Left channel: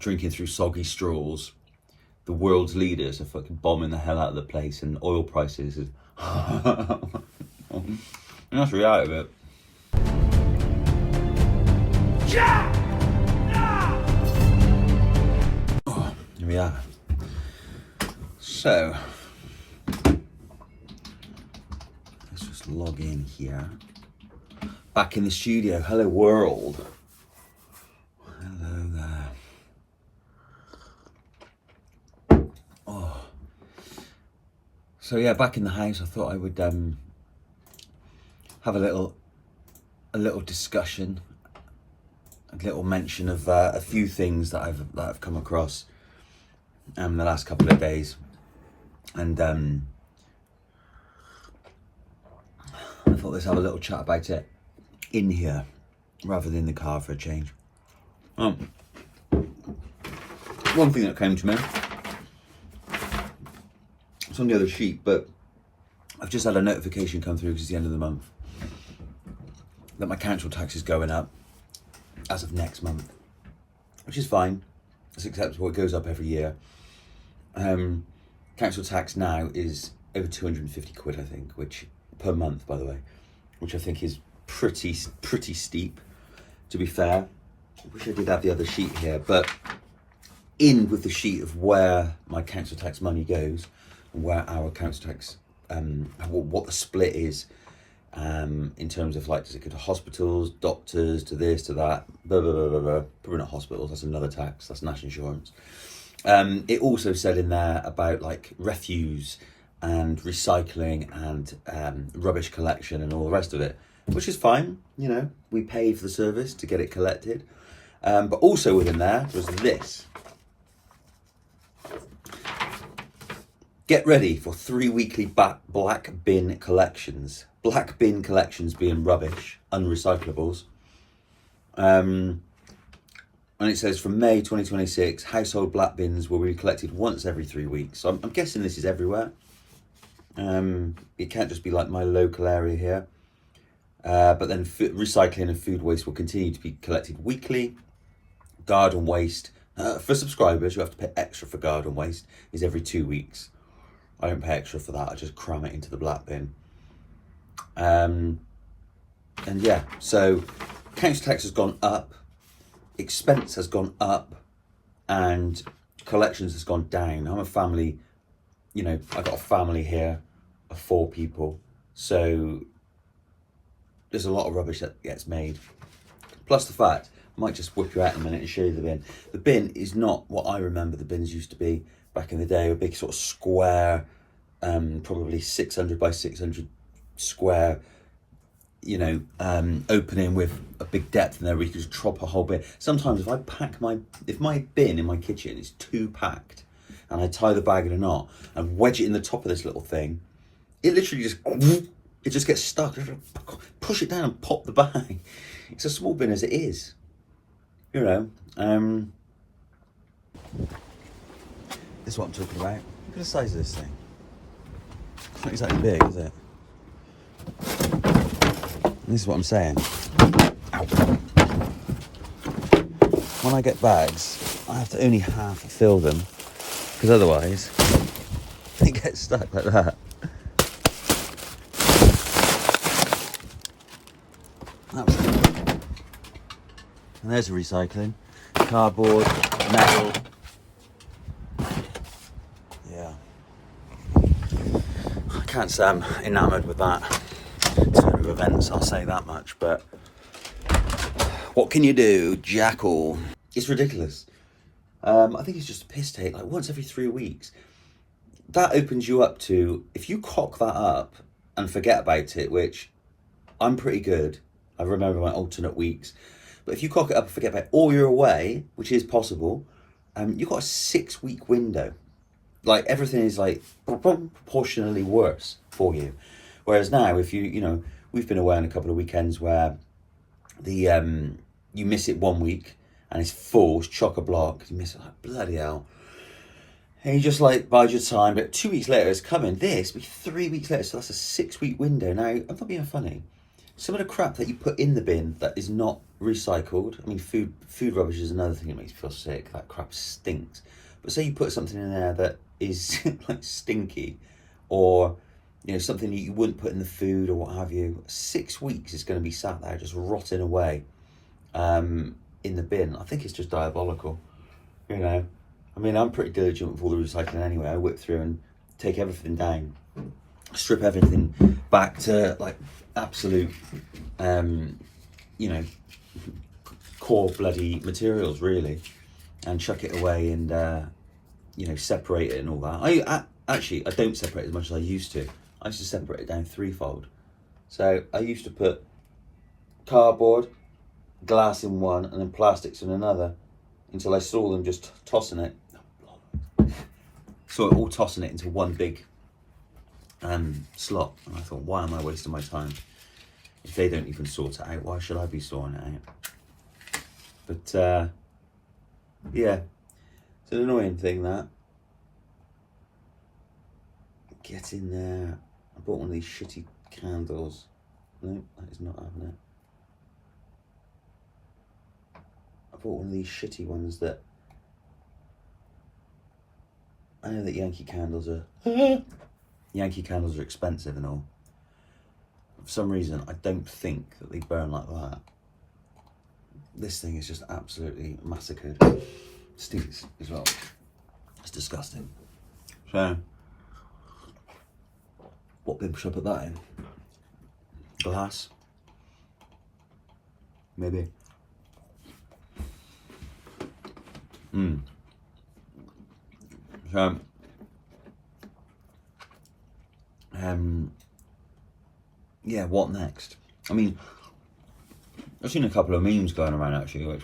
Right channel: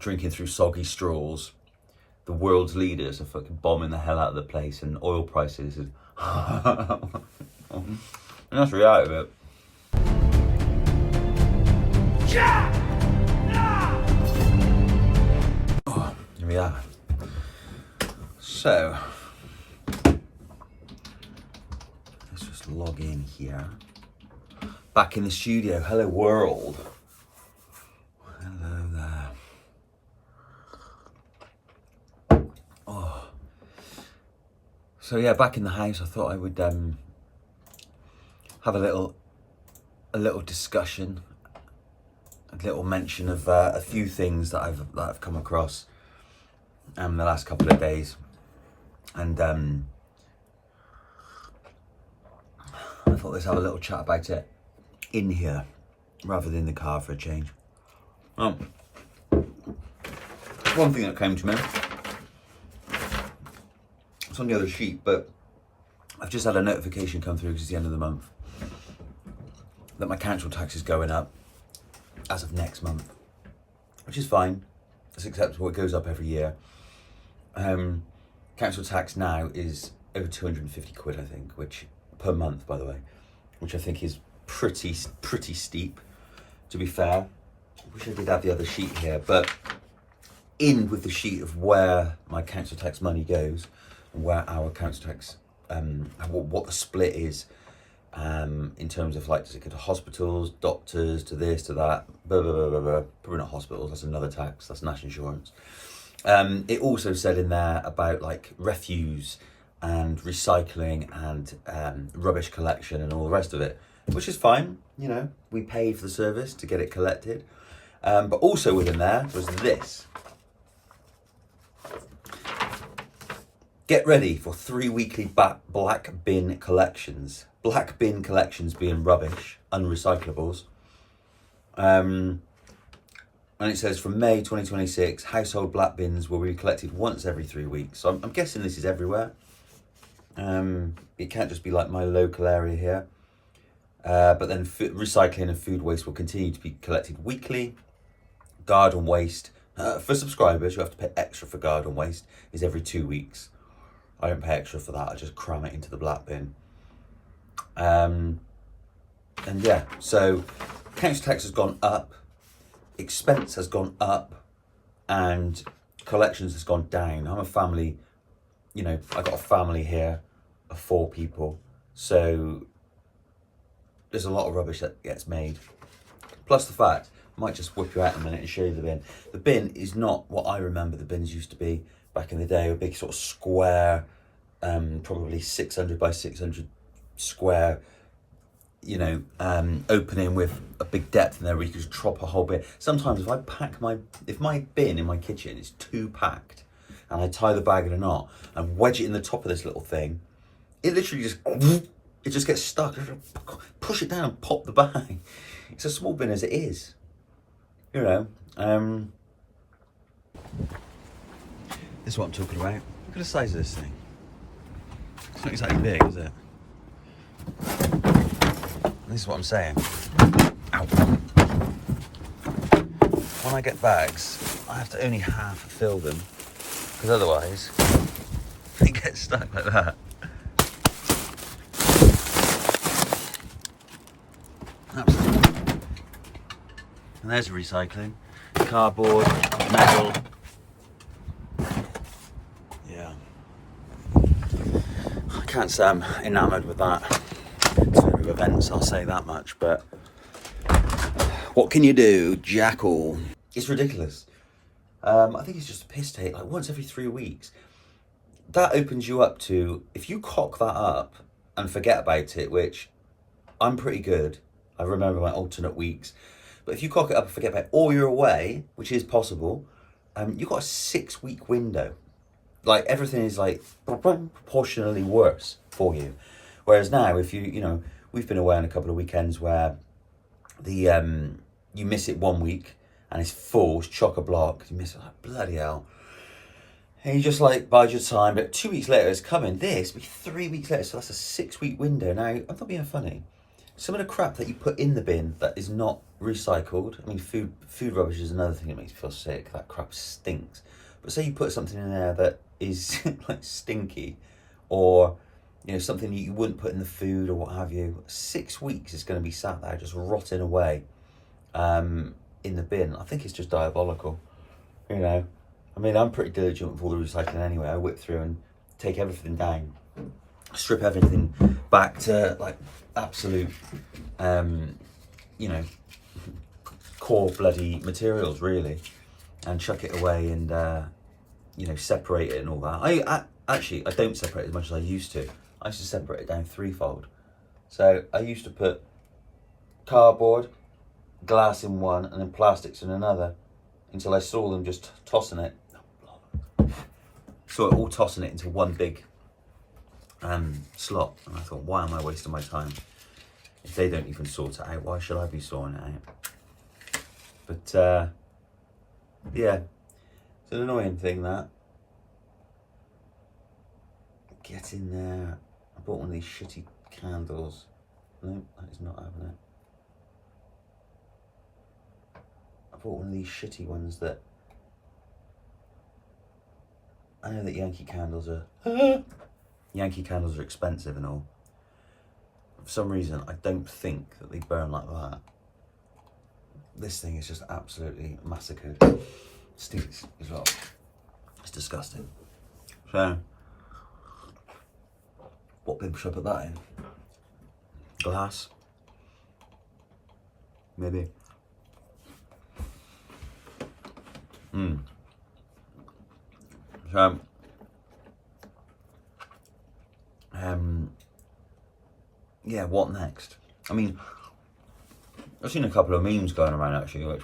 drinking through soggy straws. The world's leaders are fucking bombing the hell out of the place, and oil prices is and that's the reality of it. Oh, here we are. So let's just log in here. Back in the studio. Hello world. Hello there. Oh. So yeah, back in the house. I thought I would have a little discussion, a little mention of a few things that I've come across the last couple of days, and I thought let's have a little chat about it in here rather than in the car for a change. One thing that came to me, it's on the other sheet, but I've just had a notification come through because it's the end of the month that my council tax is going up as of next month, which is fine. It's acceptable. It goes up every year. Council tax now is over 250 quid, I think, which per month, by the way, which I think is pretty steep, to be fair. I wish I did have the other sheet here, but in with the sheet of where my council tax money goes, and where our council tax, what the split is, in terms of like, does it go to hospitals, doctors, to this, to that, blah, blah, blah, blah, blah. Probably not hospitals, that's another tax, that's national insurance. It also said in there about like refuse and recycling and rubbish collection and all the rest of it, which is fine. You know, we pay for the service to get it collected. But also within there was this. Get ready for 3 weekly black bin collections. Black bin collections being rubbish, unrecyclables. And it says from May 2026, household black bins will be collected once every 3 weeks. So I'm guessing this is everywhere. It can't just be like my local area here. But then recycling and food waste will continue to be collected weekly. Garden waste, for subscribers, you have to pay extra for garden waste, is every 2 weeks. I don't pay extra for that, I just cram it into the black bin. And yeah, so council tax has gone up, expense has gone up, and collections has gone down. I'm a family, you know, I've got a family here of 4 people, so there's a lot of rubbish that gets made. Plus the fact, I might just whip you out in a minute and show you the bin. The bin is not what I remember the bins used to be back in the day, a big sort of square, probably 600 by 600 square, you know, opening with a big depth in there where you can just drop a whole bin. Sometimes if my bin in my kitchen is too packed and I tie the bag in a knot and wedge it in the top of this little thing, it literally just gets stuck. Push it down and pop the bag. It's a small bin as it is, you know. This is what I'm talking about. Look at the size of this thing. It's not exactly big, is it? This is what I'm saying. Ow. When I get bags, I have to only half fill them, because otherwise they get stuck like that. And there's the recycling. Cardboard, metal. Yeah. I can't say I'm enamoured with that type of events, I'll say that much, but what can you do, jackal? It's ridiculous. I think it's just a piss take, like once every 3 weeks. That opens you up to, if you cock that up and forget about it, which I'm pretty good, I remember my alternate weeks, but if you cock it up and forget about it, or you're away, which is possible, you've got a 6 week window. Like everything is like proportionally worse for you. Whereas now, if you know, we've been away on a couple of weekends where the you miss it 1 week and it's full, it's chock-a-block, you miss it, like bloody hell. And you just like bide your time, but 2 weeks later it's coming. This will be 3 weeks later, so that's a 6 week window. Now, I'm not being funny. Some of the crap that you put in the bin that is not recycled. I mean, food rubbish is another thing that makes me feel sick. That crap stinks. But say you put something in there that is like stinky, or something you wouldn't put in the food or what have you. 6 weeks it's going to be sat there just rotting away in the bin. I think it's just diabolical. I mean, I'm pretty diligent with all the recycling anyway. I whip through and take everything down, strip everything back to like absolute core bloody materials really, and chuck it away and separate it and all that. I don't separate as much as I used to. I used to separate it down threefold. So I used to put cardboard, glass in one, and then plastics in another, until I saw them just tossing it. Saw it all tossing it into one big slot, and I thought, why am I wasting my time? If they don't even sort it out, why should I be sorting it out? But yeah, it's an annoying thing that. Get in there. I bought one of these shitty candles. No, that is not having it. I bought one of these shitty ones that. I know that Yankee candles are expensive and all. For some reason, I don't think that they burn like that. This thing is just absolutely massacred. Stinks as well. It's disgusting. So, what bin should I put that in? Glass? Maybe. So, yeah, what next? I mean, I've seen a couple of memes going around actually, which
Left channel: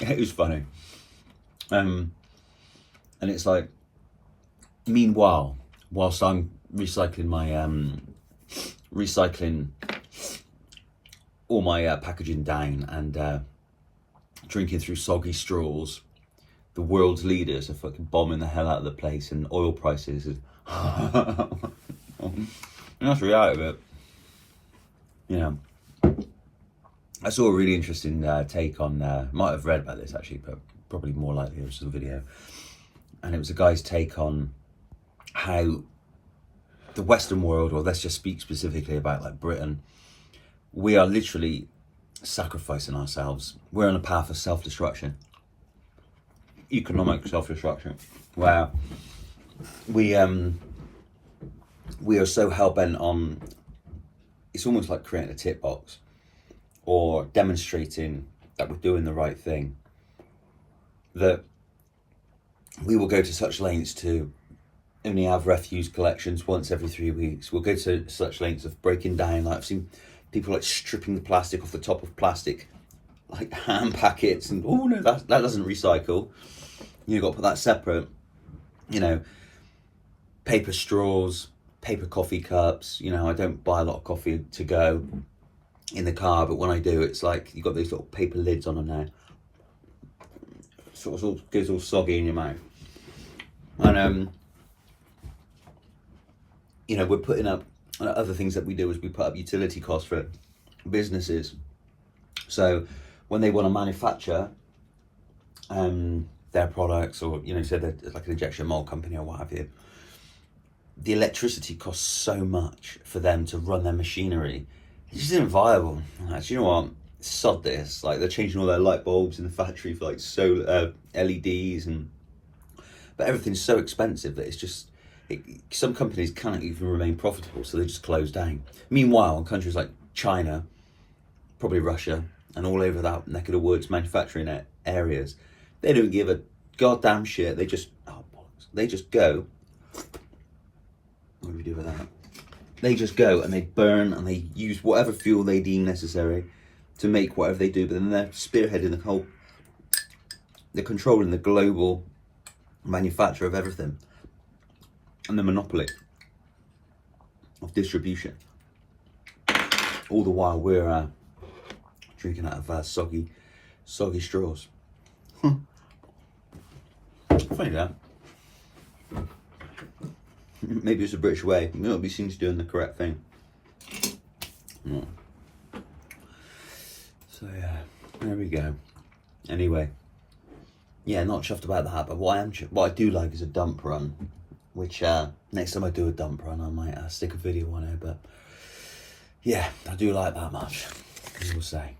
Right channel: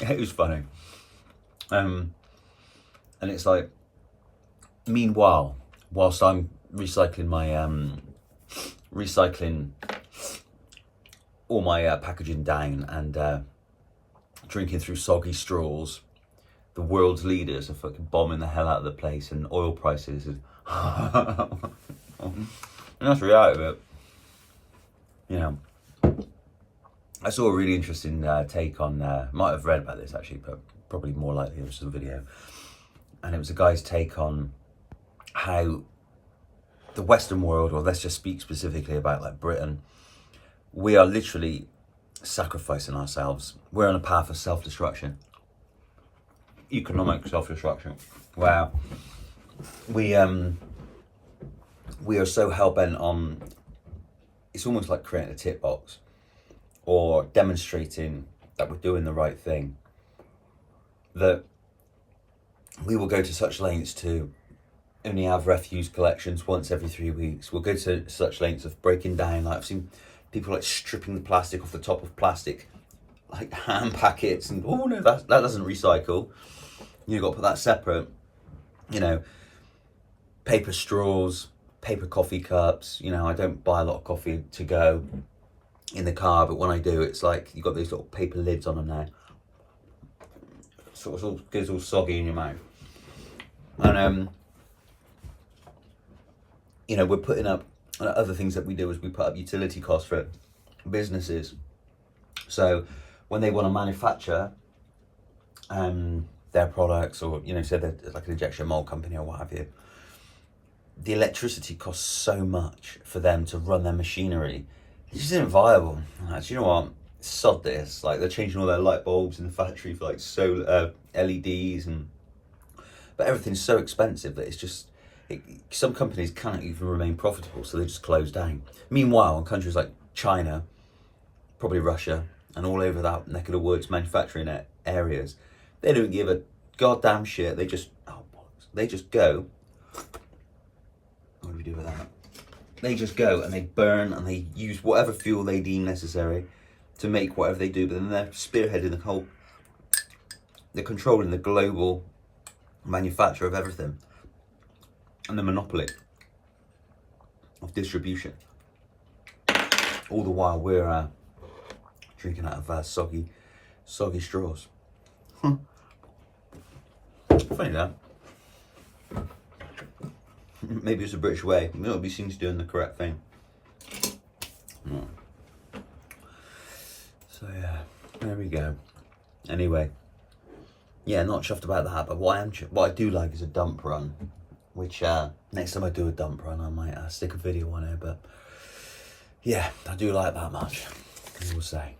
it was funny. And it's like, meanwhile, whilst I'm recycling my all my packaging down and drinking through soggy straws, the world's leaders are fucking bombing the hell out of the place, and oil prices is and that's the reality of it. I saw a really interesting take on, might have read about this actually, but probably more likely it was a video, and it was a guy's take on how the Western world, or let's just speak specifically about like Britain, we are literally sacrificing ourselves. We're on a path of self-destruction, economic self-destruction, where we are so hell-bent on, it's almost like creating a tick box or demonstrating that we're doing the right thing, that we will go to such lengths to only have refuse collections once every 3 weeks. We'll go to such lengths of breaking down, like I've seen people like stripping the plastic off the top of plastic, like ham packets, and oh no, that doesn't recycle. You've got to put that separate. Paper straws, paper coffee cups. I don't buy a lot of coffee to go in the car, but when I do, it's like you've got these little paper lids on them now. Sort of goes all soggy in your mouth. And we're putting up other things that we do is we put up utility costs for businesses. So when they want to manufacture their products, or say they're like an injection mold company or what have you, the electricity costs so much for them to run their machinery. It just isn't viable. Do you know what? Sod this. Like, they're changing all their light bulbs in the factory for like solar LEDs, but everything's so expensive that it's just some companies can't even remain profitable, so they just close down. Meanwhile, in countries like China, probably Russia, and all over that neck of the woods, manufacturing areas, they don't give a goddamn shit. They just go. What do we do with that? They just go and they burn and they use whatever fuel they deem necessary to make whatever they do, but then they're spearheading the whole, they're controlling the global manufacture of everything and the monopoly of distribution. All the while we're drinking out of soggy straws. Funny that. Maybe it's a British way. We ought to be seen to doing the correct thing. So yeah, there we go. Anyway, yeah, not chuffed about that, but what I do like is a dump run, which next time I do a dump run, I might stick a video on it. But yeah, I do like that much, as we'll say.